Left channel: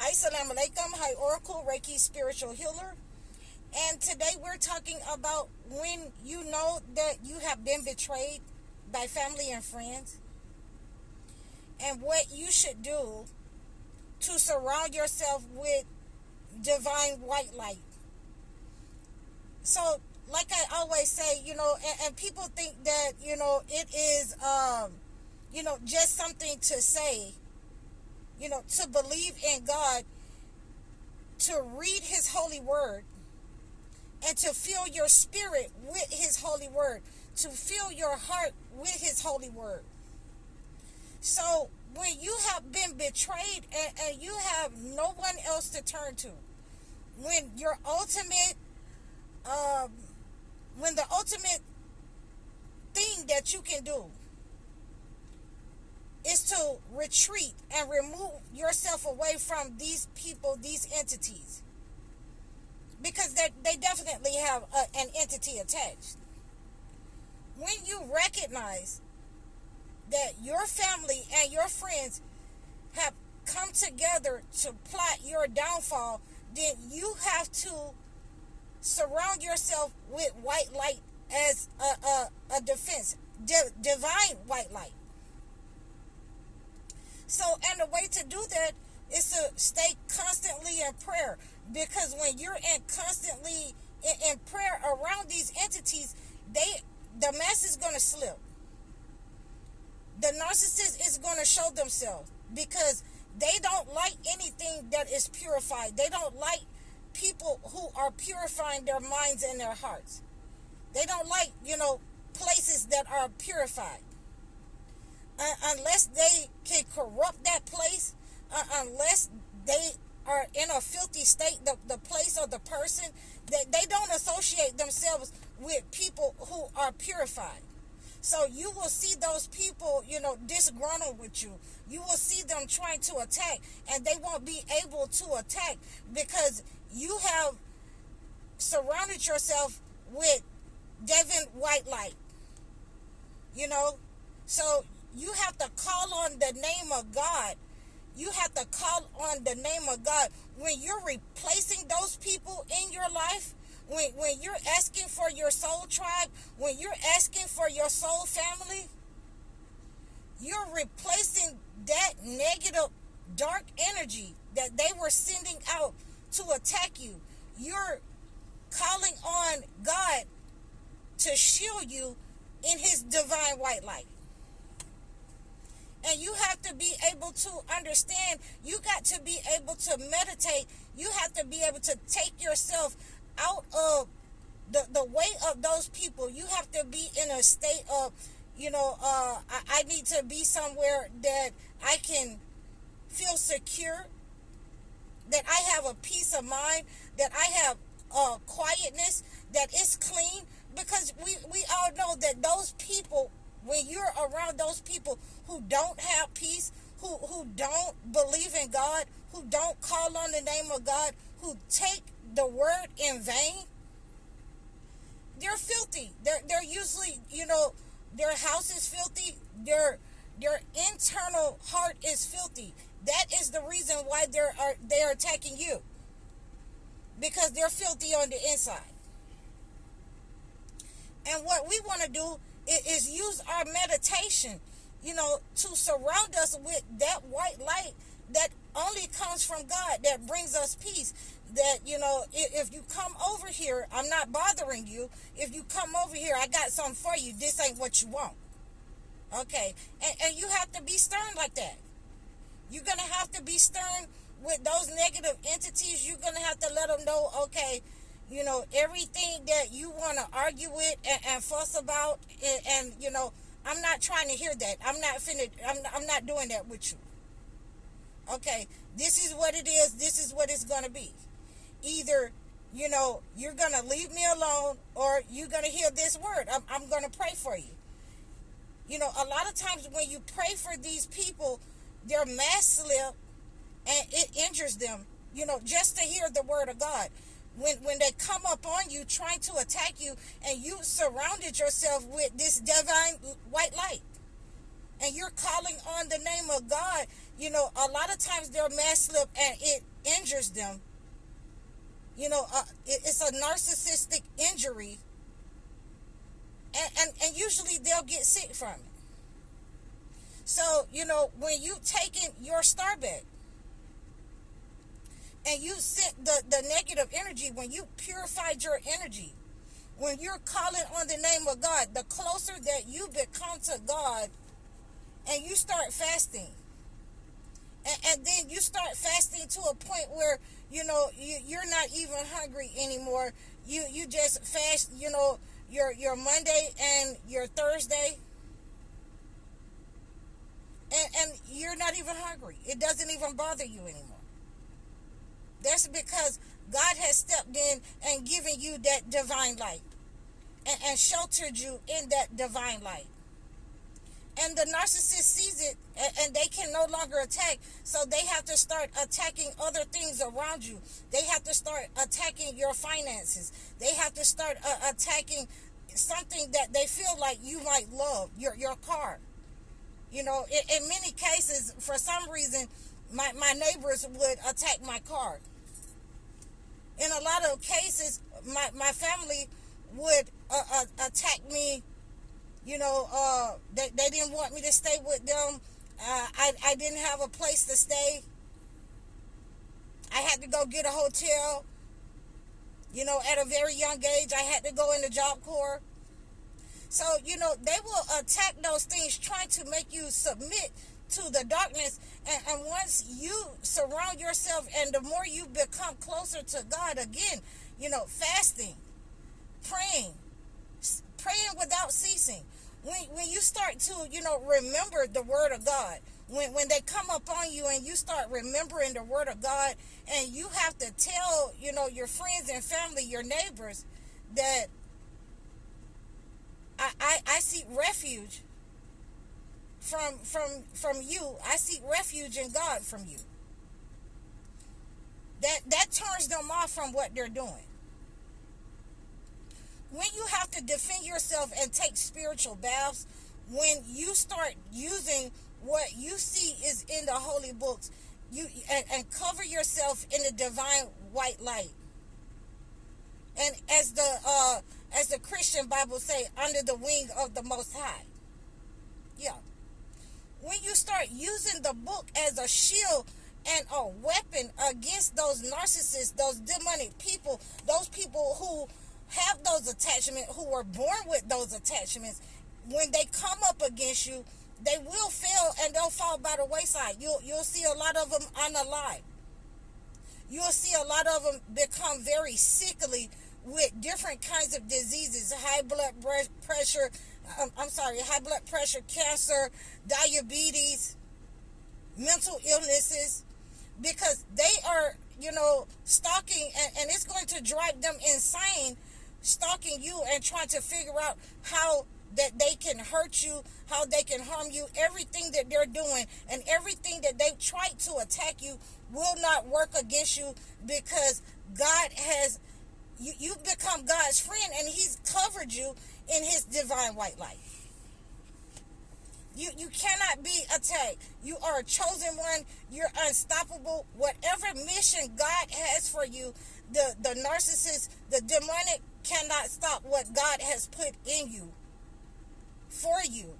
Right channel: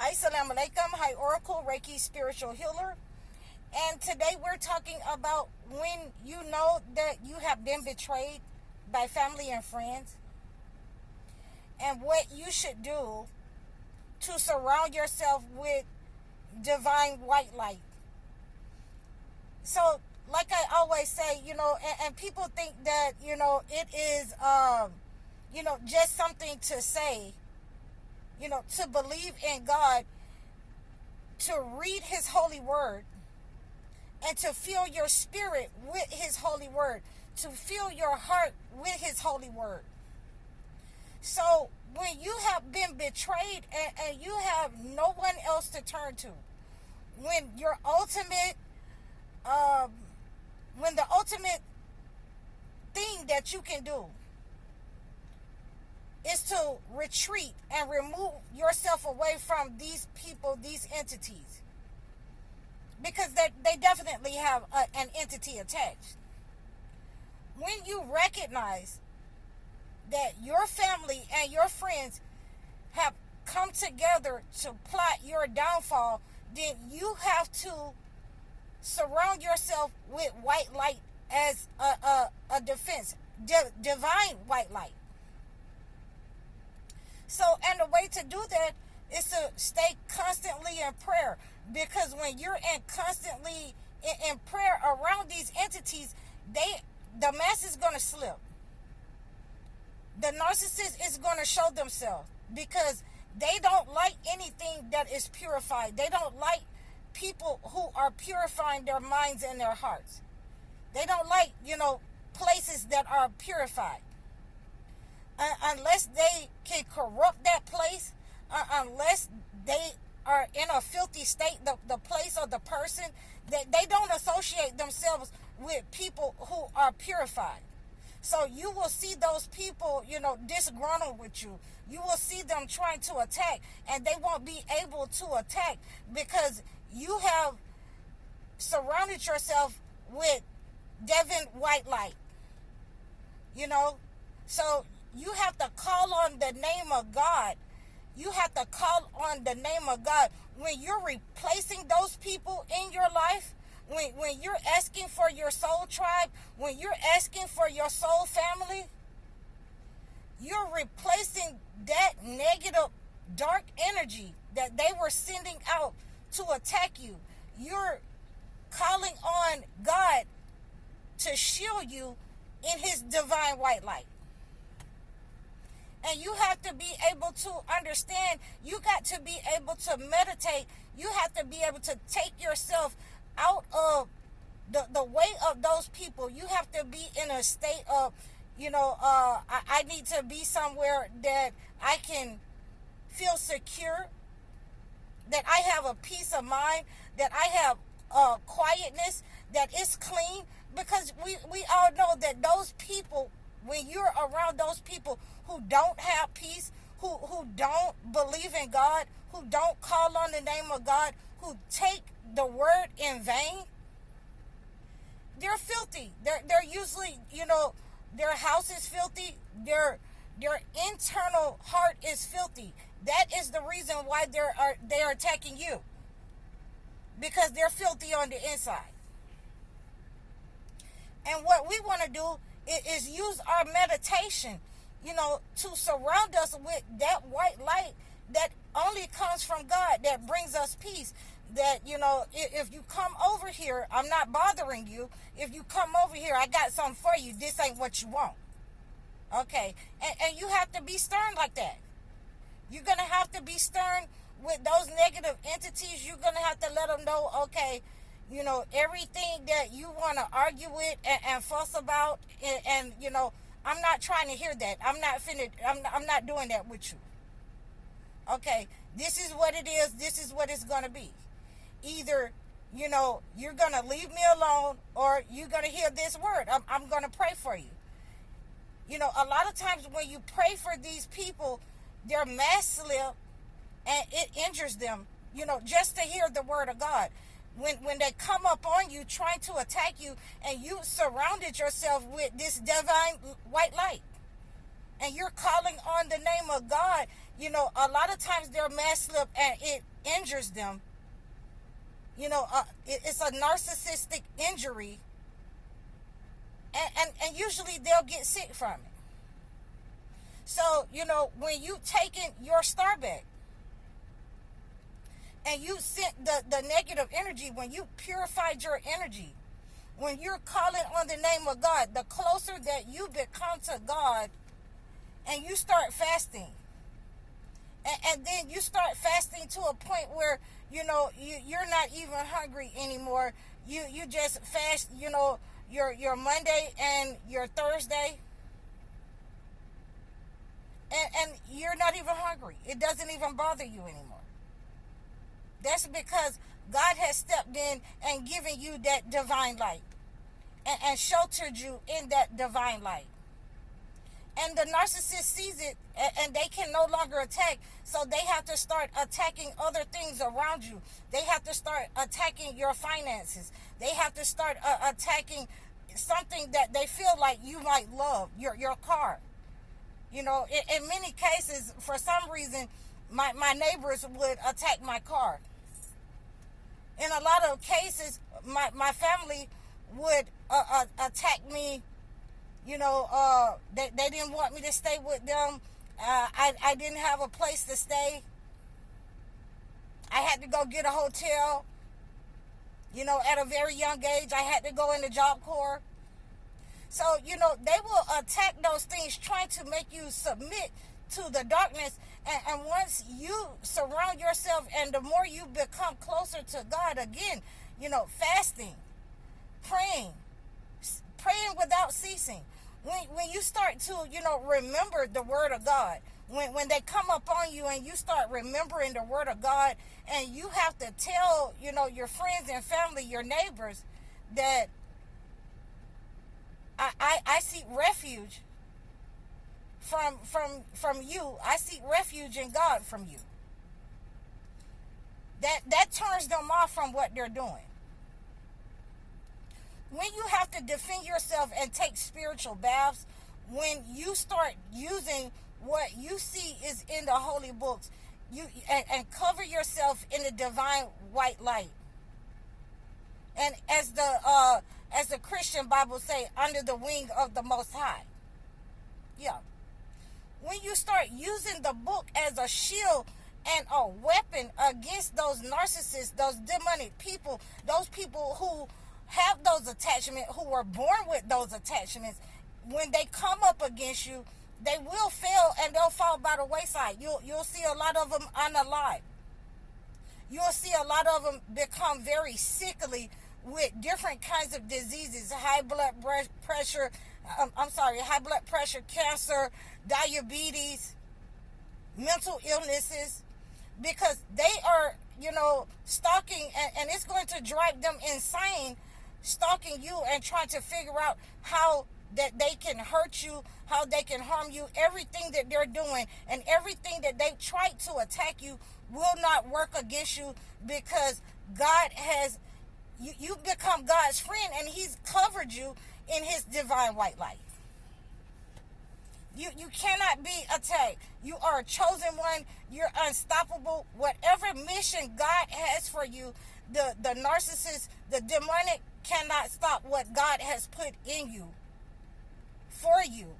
Assalamu alaikum. Hi, Oracle, Reiki spiritual healer. And today we're talking about when you know that you have been betrayed by family and friends, and what you should do to surround yourself with divine white light. So, like I always say, and people think that, it is, just something to say, to believe in God, to read His holy word, and to fill your spirit with His holy word, to fill your heart with His holy word. So when you have been betrayed and you have no one else to turn to, when your ultimate, when the ultimate thing that you can do is to retreat and remove yourself away from these people, these entities, because they definitely have an entity attached. When you recognize that your family and your friends have come together to plot your downfall, then you have to surround yourself with white light as a defense, divine white light. So, and the way to do that is to stay constantly in prayer, because when you're constantly in prayer around these entities, the mess is going to slip. The narcissist is going to show themselves, because they don't like anything that is purified. They don't like people who are purifying their minds and their hearts. They don't like, places that are purified. Unless they can corrupt that place, unless they are in a filthy state, the place or the person, they don't associate themselves with people who are purified. So you will see those people, disgruntled with you. You will see them trying to attack, and they won't be able to attack because you have surrounded yourself with Devine white light. So you have to call on the name of God. You have to call on the name of God. When you're replacing those people in your life, when you're asking for your soul tribe, when you're asking for your soul family, you're replacing that negative, dark energy that they were sending out to attack you. You're calling on God to shield you in His divine white light. And you have to be able to understand. You got to be able to meditate. You have to be able to take yourself out of the way of those people. You have to be in a state of, I need to be somewhere that I can feel secure, that I have a peace of mind, that I have quietness, that is clean. Because we all know that those people, when you're around those people who don't have peace, who don't believe in God, who don't call on the name of God, who take the word in vain, they're filthy. They're usually, their house is filthy. Their internal heart is filthy. That is the reason why they're attacking you, because they're filthy on the inside. And what we want to do is use our meditation, to surround us with that white light that only comes from God, that brings us peace. That, if you come over here, I'm not bothering you. If you come over here, I got something for you. This ain't what you want. Okay. And you have to be stern like that. You're going to have to be stern with those negative entities. You're going to have to let them know, okay, everything that you want to argue with and fuss about, and I'm not trying to hear that. I'm not doing that with you. Okay, this is what it is. This is what it's going to be. Either, you're going to leave me alone, or you're going to hear this word. I'm going to pray for you. A lot of times when you pray for these people, their mask slip and it injures them, just to hear the word of God. When they come up on you trying to attack you, and you surrounded yourself with this divine white light, and you're calling on the name of God, You know, a lot of times they're mad slip and it injures them. You know, it's a narcissistic injury, and usually they'll get sick from it. So, you know, when you taking your star back and you sent the negative energy, when you purified your energy, when you're calling on the name of God, the closer that you become to God, and you start fasting, and then you start fasting to a point where, you know, you're not even hungry anymore. You just fast, you know, your Monday and your Thursday, and you're not even hungry. It doesn't even bother you anymore. That's because God has stepped in and given you that divine light, and sheltered you in that divine light. And the narcissist sees it, and they can no longer attack, so they have to start attacking other things around you. They have to start attacking your finances. They have to start attacking something that they feel like you might love, your car. You know, in many cases, for some reason, my neighbors would attack my car. In a lot of cases, my family would attack me. You know, they didn't want me to stay with them. I didn't have a place to stay. I had to go get a hotel. You know, at a very young age, I had to go in the Job Corps. So, you know, they will attack those things, trying to make you submit to the darkness. And once you surround yourself, and the more you become closer to God, again, you know, fasting, praying without ceasing. When you start to, you know, remember the word of God, when they come up on you and you start remembering the word of God, and you have to tell, you know, your friends and family, your neighbors, that I seek refuge from you. I seek refuge in God from you. That turns them off from what they're doing. When you have to defend yourself and take spiritual baths, when you start using what you see is in the holy books, and cover yourself in the divine white light, and as the Christian Bible say, under the wing of the Most High. Yeah. When you start using the book as a shield and a weapon against those narcissists, those demonic people, those people who have those attachments, who were born with those attachments, when they come up against you, they will fail, and they'll fall by the wayside. You'll see a lot of them unalive. You'll see a lot of them become very sickly with different kinds of diseases, high blood pressure, cancer, diabetes, mental illnesses, because they are, you know, stalking, and it's going to drive them insane, stalking you and trying to figure out how that they can hurt you, how they can harm you. Everything that they're doing and everything that they try to attack you will not work against you, because God has, you've become God's friend, and he's covered you in his divine white light. You cannot be attacked. You are a chosen one. You're unstoppable. Whatever mission God has for you, the narcissist, the demonic cannot stop what God has put in you, for you.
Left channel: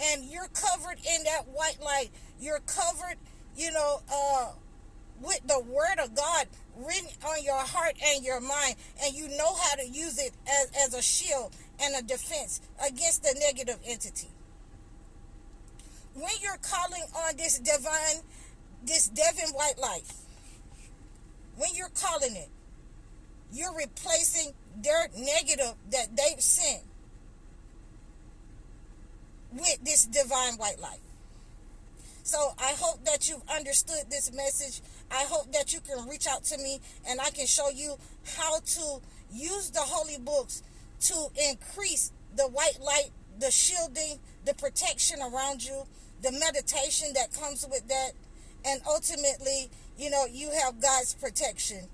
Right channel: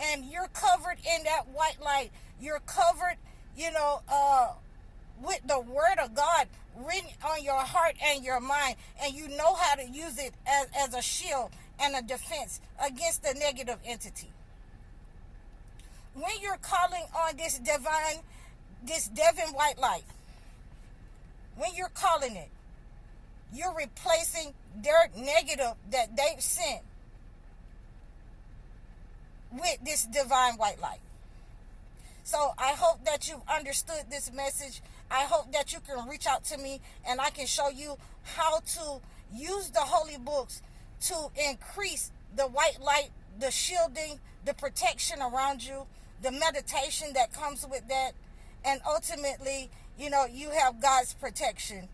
And you're covered in that white light. You're covered, you know, with the word of God written on your heart and your mind, and you know how to use it as a shield and a defense against the negative entity. When you're calling on this Devine white light, when you're calling it, you're replacing their negative that they've sent with this divine white light. So I hope that you've understood this message. I hope that you can reach out to me, and I can show you how to use the holy books to increase the white light, the shielding, the protection around you, the meditation that comes with that, and ultimately, you know, you have God's protection.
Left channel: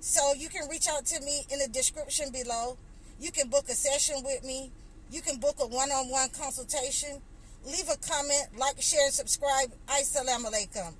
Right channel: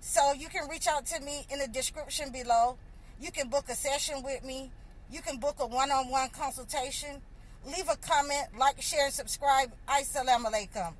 So you can reach out to me in the description below. You can book a session with me. You can book a one-on-one consultation. leave a comment, like, share, and subscribe. Assalamu alaikum.